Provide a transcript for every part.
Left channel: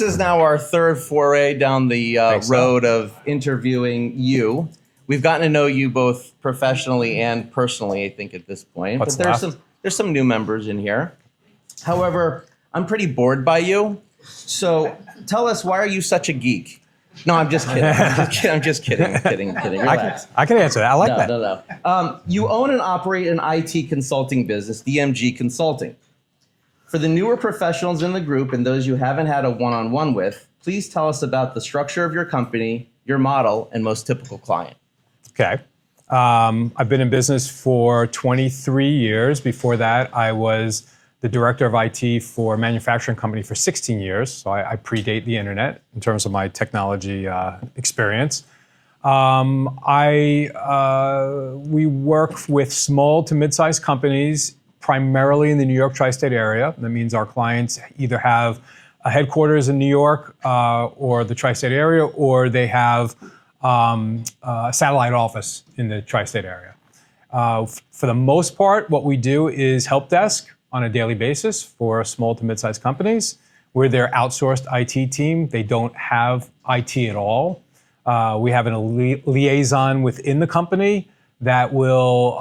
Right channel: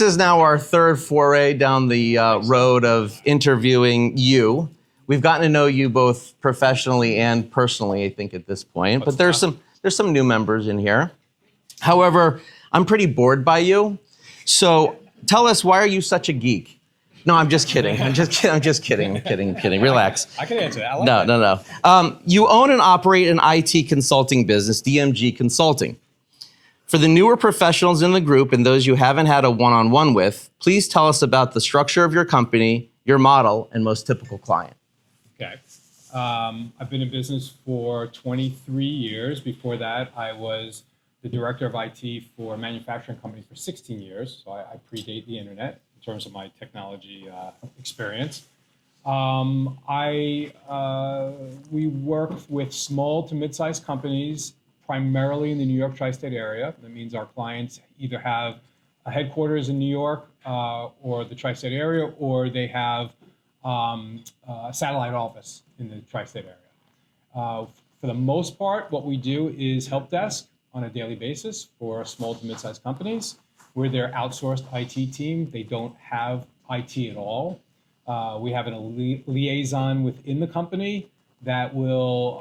this is now our third foray down the road of interviewing you. We've gotten to know you both professionally and personally, I think, at this point. But there's some new members in here. However, I'm pretty bored by you. So tell us, why are you such a geek? No, I'm just kidding. I'm just kidding. Relax. I can answer that. I like that. No. You own and operate an IT consulting business, DMG Consulting. For the newer professionals in the group and those you haven't had a one-on-one with, please tell us about the structure of your company, your model, and most typical client. Okay. I've been in business for 23 years. Before that, I was the director of IT for a manufacturing company for 16 years. So I predate the internet in terms of my technology experience. We work with small to mid-sized companies, primarily in the New York tri-state area. That means our clients either have a headquarters in New York or the tri-state area, or they have a satellite office in the tri-state area. For the most part, what we do is help desk on a daily basis for small to mid-sized companies. We're their outsourced IT team. They don't have IT at all. We have a liaison within the company that will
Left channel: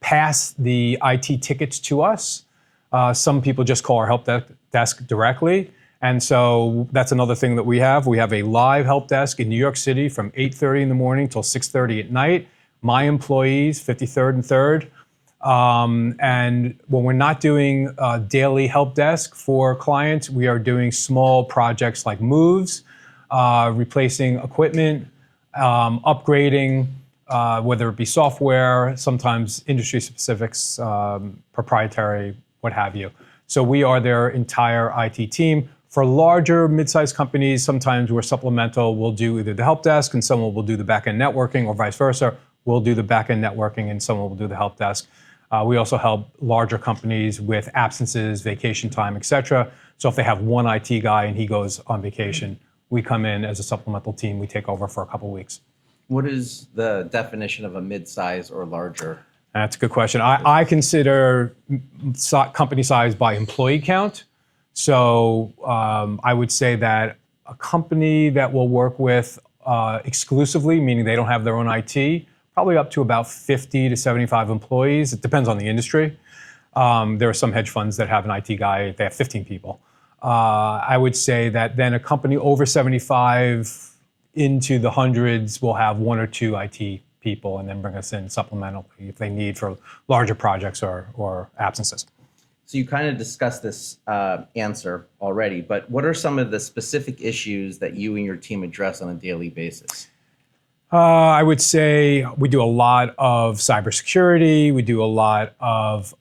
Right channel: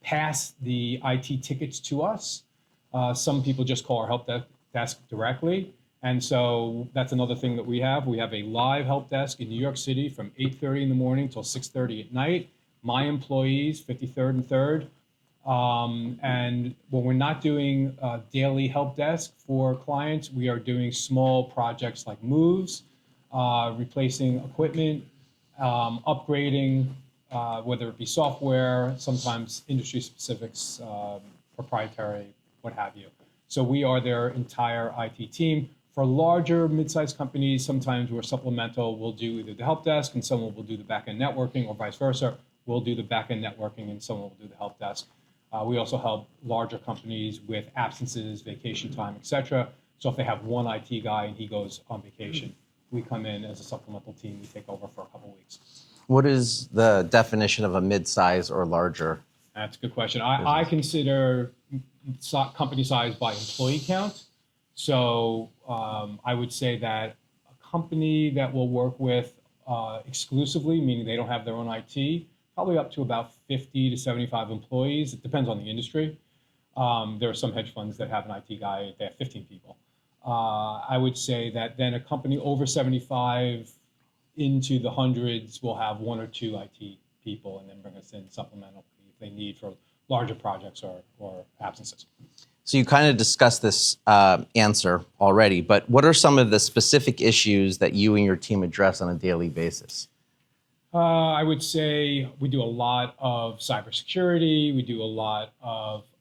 pass the IT tickets to us. Some people just call our help desk directly. And so that's another thing that we have. We have a live help desk in New York City from 8:30 in the morning till 6:30 at night. My employees, 53rd and 3rd. And when we're not doing daily help desk for clients, we are doing small projects like moves, replacing equipment, upgrading, whether it be software, sometimes industry specifics, proprietary, what have you. So we are their entire IT team. For larger, mid-sized companies, sometimes we're supplemental. We'll do either the help desk and someone will do the back-end networking, or vice versa. We'll do the back-end networking and someone will do the help desk. We also help larger companies with absences, vacation time, et cetera. So if they have one IT guy and he goes on vacation, we come in as a supplemental team. We take over for a couple weeks. What is the definition of a mid-size or larger? That's a good question. I consider company size by employee count. So I would say that a company that will work with exclusively, meaning they don't have their own IT, probably up to about 50 to 75 employees. It depends on the industry. There are some hedge funds that have an IT guy, they have 15 people. I would say that then a company over 75 into the hundreds will have 1 or 2 IT people and then bring us in supplementally if they need for larger projects or absences. So you kind of discussed this answer already, but what are some of the specific issues that you and your team address on a daily basis? I would say we do a lot of cybersecurity. We do a lot of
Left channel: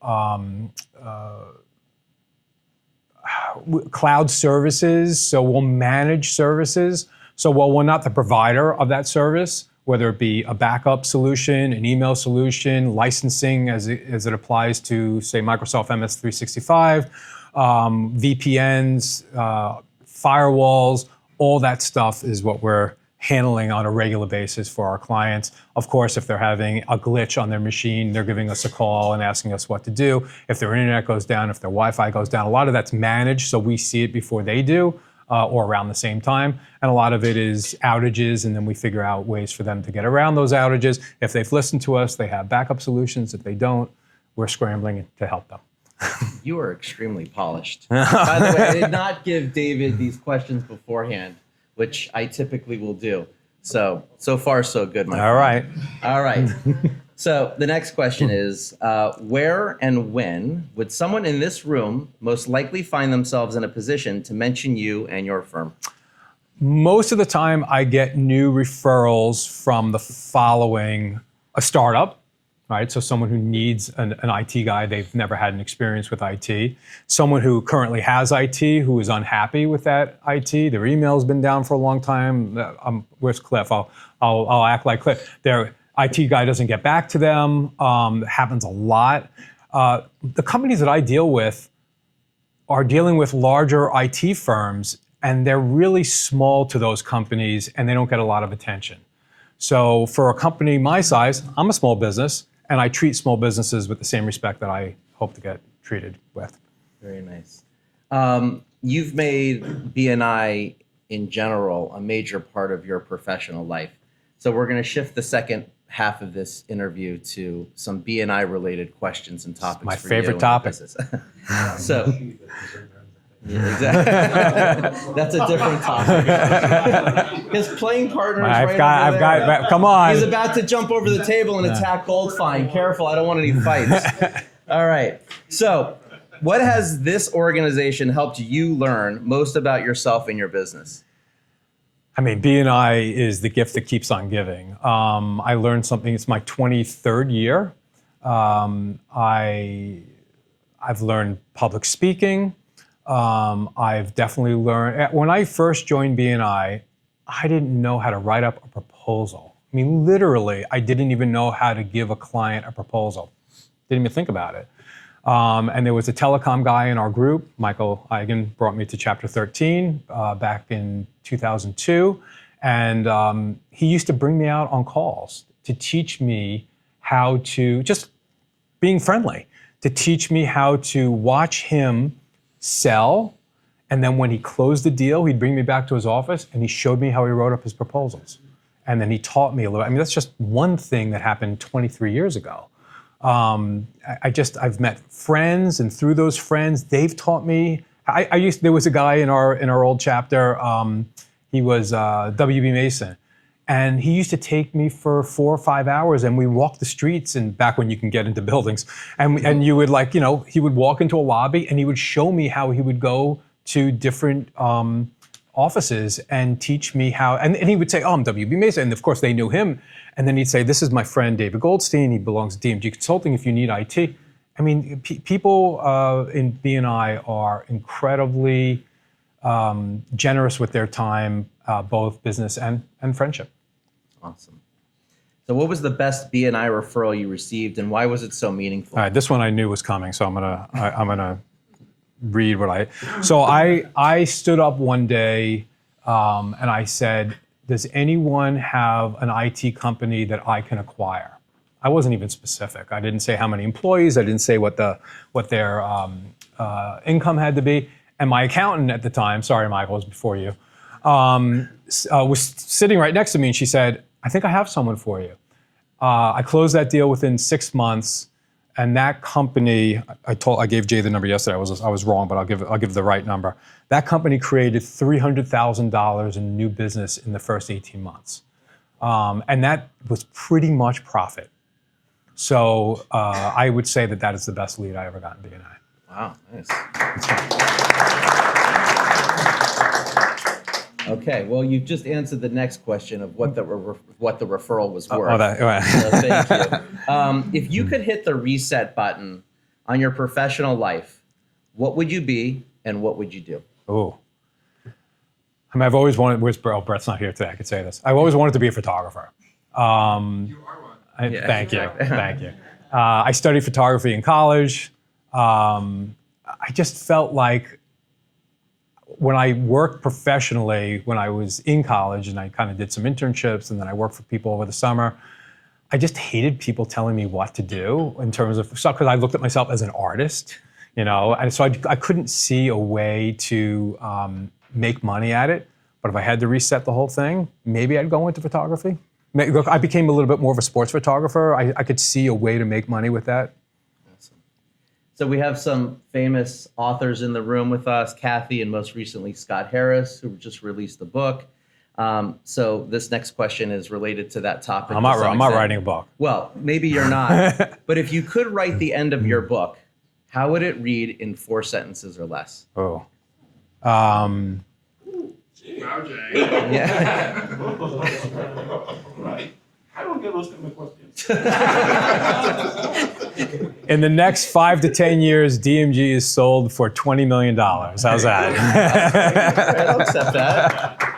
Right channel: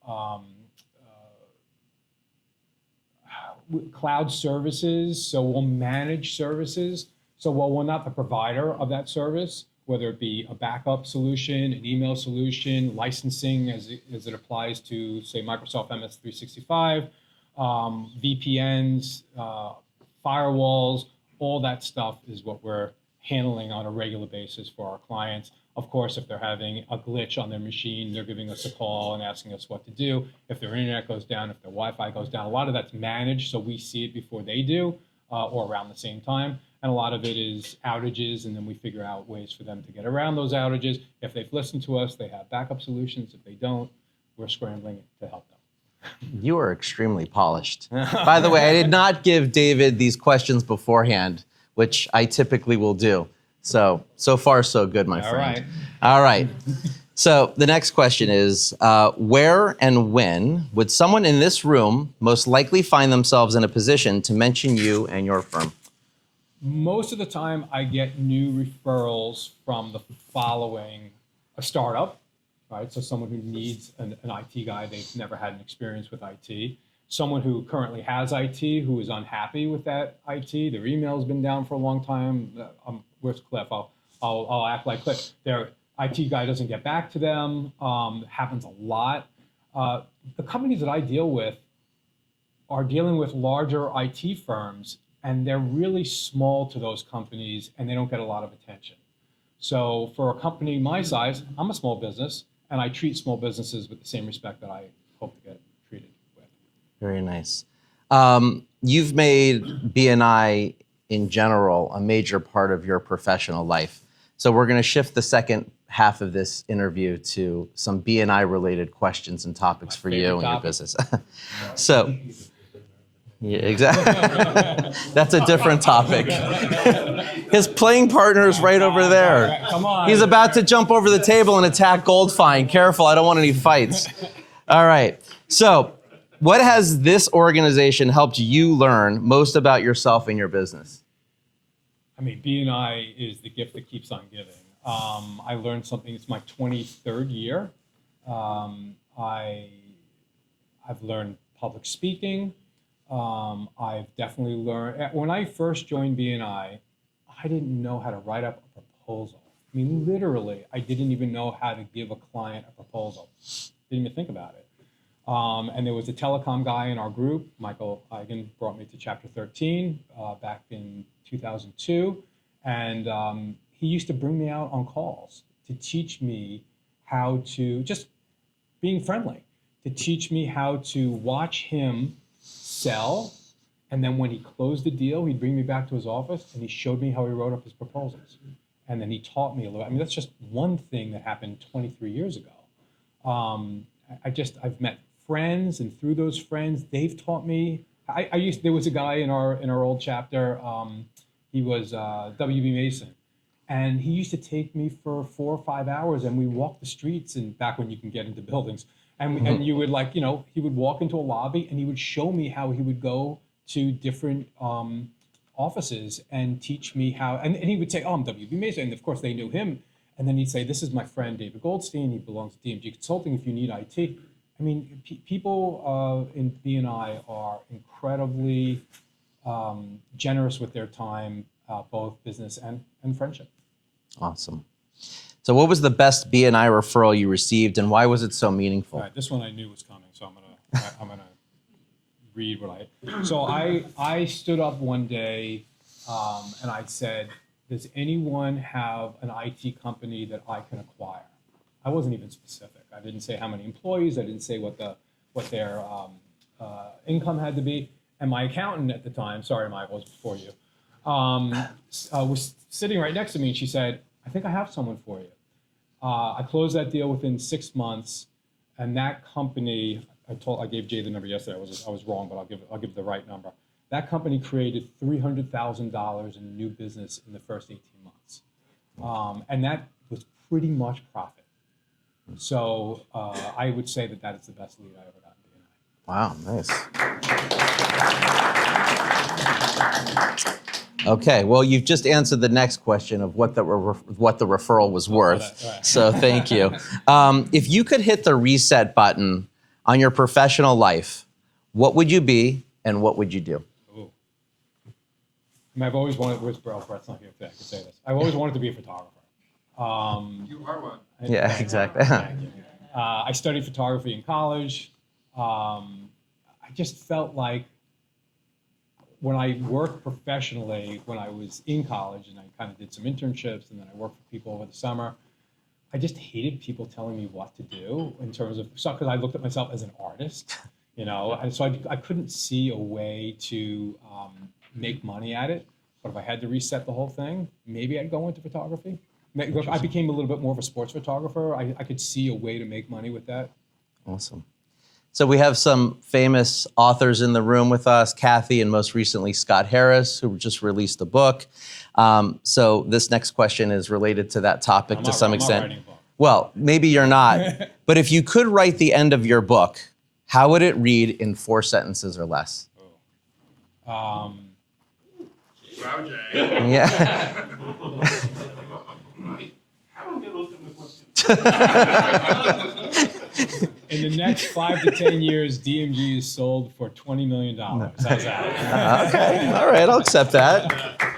cloud services. So we'll manage services. So while we're not the provider of that service, whether it be a backup solution, an email solution, licensing as it applies to, say, Microsoft MS 365, VPNs, firewalls, all that stuff is what we're handling on a regular basis for our clients. Of course, if they're having a glitch on their machine, they're giving us a call and asking us what to do. If their internet goes down, if their Wi-Fi goes down, a lot of that's managed, so we see it before they do. Or around the same time. And a lot of it is outages, and then we figure out ways for them to get around those outages. If they've listened to us, they have backup solutions. If they don't, we're scrambling to help them. You are extremely polished. By the way, I did not give David these questions beforehand, which I typically will do. So far, so good, my friend. All right. So the next question is, where and when would someone in this room most likely find themselves in a position to mention you and your firm? Most of the time, I get new referrals from the following: a startup, right? So someone who needs an IT guy, they've never had an experience with IT. Someone who currently has IT, who is unhappy with that IT. Their email's been down for a long time. Where's Cliff? I'll act like Cliff. Their IT guy doesn't get back to them. Happens a lot. The companies that I deal with are dealing with larger IT firms, and they're really small to those companies, and they don't get a lot of attention. So for a company my size, I'm a small business, and I treat small businesses with the same respect that I hope to get treated with. Very nice. you've made BNI in general a major part of your professional life. So we're going to shift the second half of this interview to some BNI related questions and topics My for you. favorite topic. So, yeah, exactly. That's a different topic. His playing partner is right over there. Come on. He's about to jump over the table and attack Goldstein. Careful, I don't want any fights. All right. So, what has this organization helped you learn most about yourself and your business? I mean, BNI is the gift that keeps on giving. I learned something. It's my 23rd year. I've learned public speaking. I've definitely learned. When I first joined BNI, I didn't know how to write up a proposal. I mean, literally, I didn't even know how to give a client a proposal. Didn't even think about it. And there was a telecom guy in our group, Michael Eigen, brought me to Chapter 13 back in 2002. And he used to bring me out on calls to teach me how to, just being friendly, to teach me how to watch him sell. And then when he closed the deal, he'd bring me back to his office and he showed me how he wrote up his proposals. And then he taught me a little. I mean, that's just one thing that happened 23 years ago. I've met friends, and through those friends, they've taught me. There was a guy in our old chapter. He was W.B. Mason, and he used to take me for 4 or 5 hours, and we walked the streets. And back when you can get into buildings, and you would he would walk into a lobby, and he would show me how he would go to different offices and teach me how. And he would say, "Oh, I'm W.B. Mason," and of course they knew him. And then he'd say, "This is my friend David Goldstein. He belongs to DMG Consulting if you need IT." I mean, people in BNI are incredibly generous with their time, both business and friendship. Awesome. So what was the best BNI referral you received, and why was it so meaningful? All right, this one I knew was coming, so I'm gonna read what I. So I stood up one day and I said, "Does anyone have an IT company that I can acquire?" I wasn't even specific. I didn't say how many employees. I didn't say what their income had to be. And my accountant at the time, sorry, Michael, it was before you, was sitting right next to me, and she said, "I think I have someone for you." I closed that deal within 6 months, and that company, I gave Jay the number yesterday. I was wrong, but I'll give the right number. That company created $300,000 in new business in the first 18 months. And that was pretty much profit. So I would say that is the best lead I ever got in BNI. Wow, nice. Okay, well, you've just answered the next question of what the referral was worth. So thank you. If you could hit the reset button on your professional life, what would you be and what would you do? Oh. I mean, I've always wanted, Brett's not here today, I could say this. I've always wanted to be a photographer. You are one. Thank you. I studied photography in college. I just felt like when I worked professionally, when I was in college, and I kind of did some internships, and then I worked for people over the summer, I just hated people telling me what to do in terms of stuff, because I looked at myself as an artist, and so I couldn't see a way to make money at it. But if I had to reset the whole thing, maybe I'd go into photography. Look, I became a little bit more of a sports photographer. I could see a way to make money with that. Awesome. So we have some famous authors in the room with us, Kathy and most recently Scott Harris, who just released a book. So this next question is related to that topic to some extent. I'm not writing a book. Well, maybe you're not. But if you could write the end of your book, how would it read in 4 sentences or less? Oh. Wow, Jay. Yeah. Right. How do I get those kind of questions? In the next 5 to 10 years, DMG is sold for $20 million. How's that? All right, I'll accept that.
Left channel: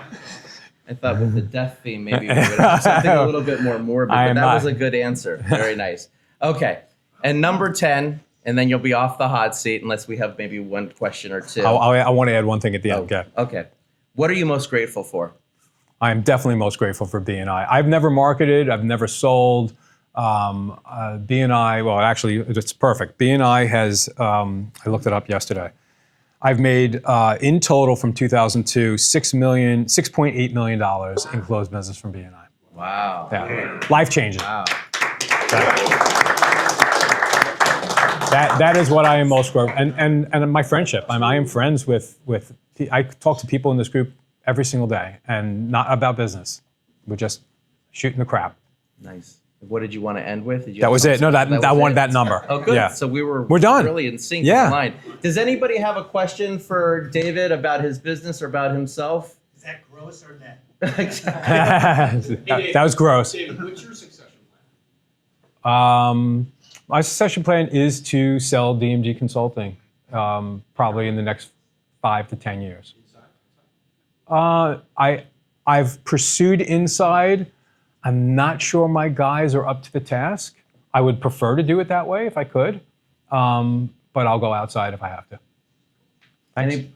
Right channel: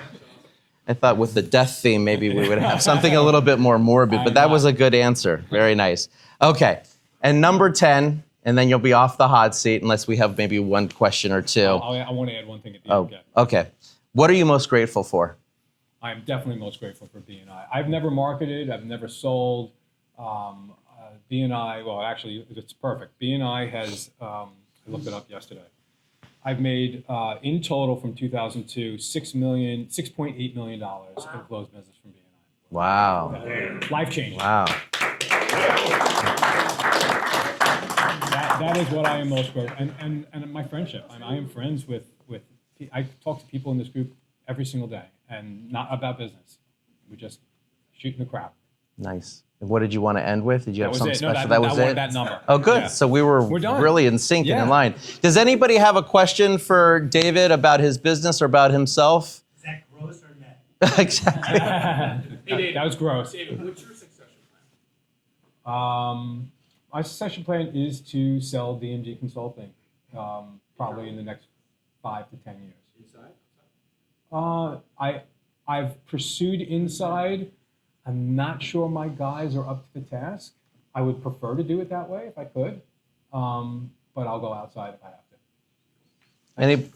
I thought with the death theme, maybe we would have something a little bit more morbid, but that was a good answer. Very nice. Okay, and number 10, and then you'll be off the hot seat unless we have maybe one question or two. I want to add one thing at the end. Okay. What are you most grateful for? I'm definitely most grateful for BNI. I've never marketed, I've never sold. BNI, well, actually, it's perfect. BNI has, I looked it up yesterday. I've made in total from 2002 $6.8 million in closed business from BNI. Wow. Yeah. Life changing. Wow. That is what I am most grateful, and my friendship. I am friends with. I talk to people in this group every single day, and not about business. We're just shooting the crap. Nice. What did you want to end with? Did you That have was something it. No, special? I was wanted it? that number. Oh, good. Yeah. So we're done. really in sync Yeah. in mind. Does anybody have a question for David about his business or about himself? Is that gross or net? Exactly. That was gross. David, what's your succession plan? My succession plan is to sell DMG Consulting, probably in the next 5 to 10 years. I've pursued inside. I'm not sure my guys are up to the task. I would prefer to do it that way if I could, but I'll go outside if I have to.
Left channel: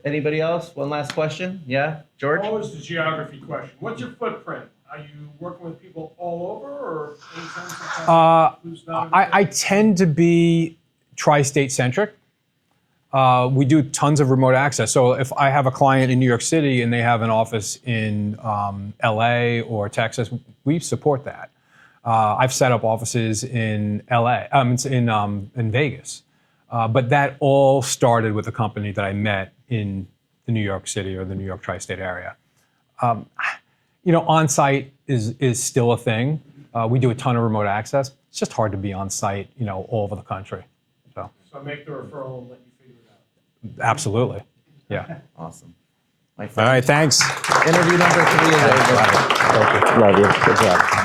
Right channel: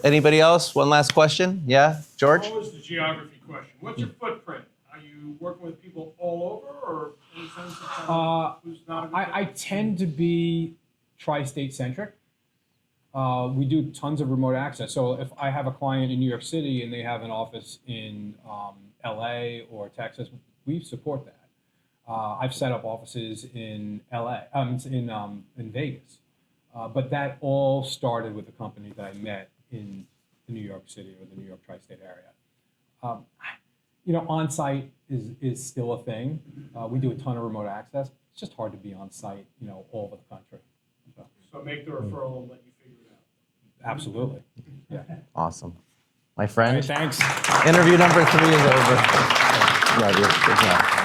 Anybody else? One last question? Yeah, George? Always the geography question. What's your footprint? Are you working with people all over, or any sense of who's not? I tend to be tri-state centric. We do tons of remote access. So if I have a client in New York City and they have an office in LA or Texas, we support that. I've set up offices in LA, in Vegas. But that all started with a company that I met in the New York City or the New York tri-state area. On-site is still a thing. We do a ton of remote access. It's just hard to be on-site, all over the country. So make the referral and let you figure it out. absolutely, yeah. Awesome. My All friend. right, thanks. Interview number 3 is over. Love you. Good job.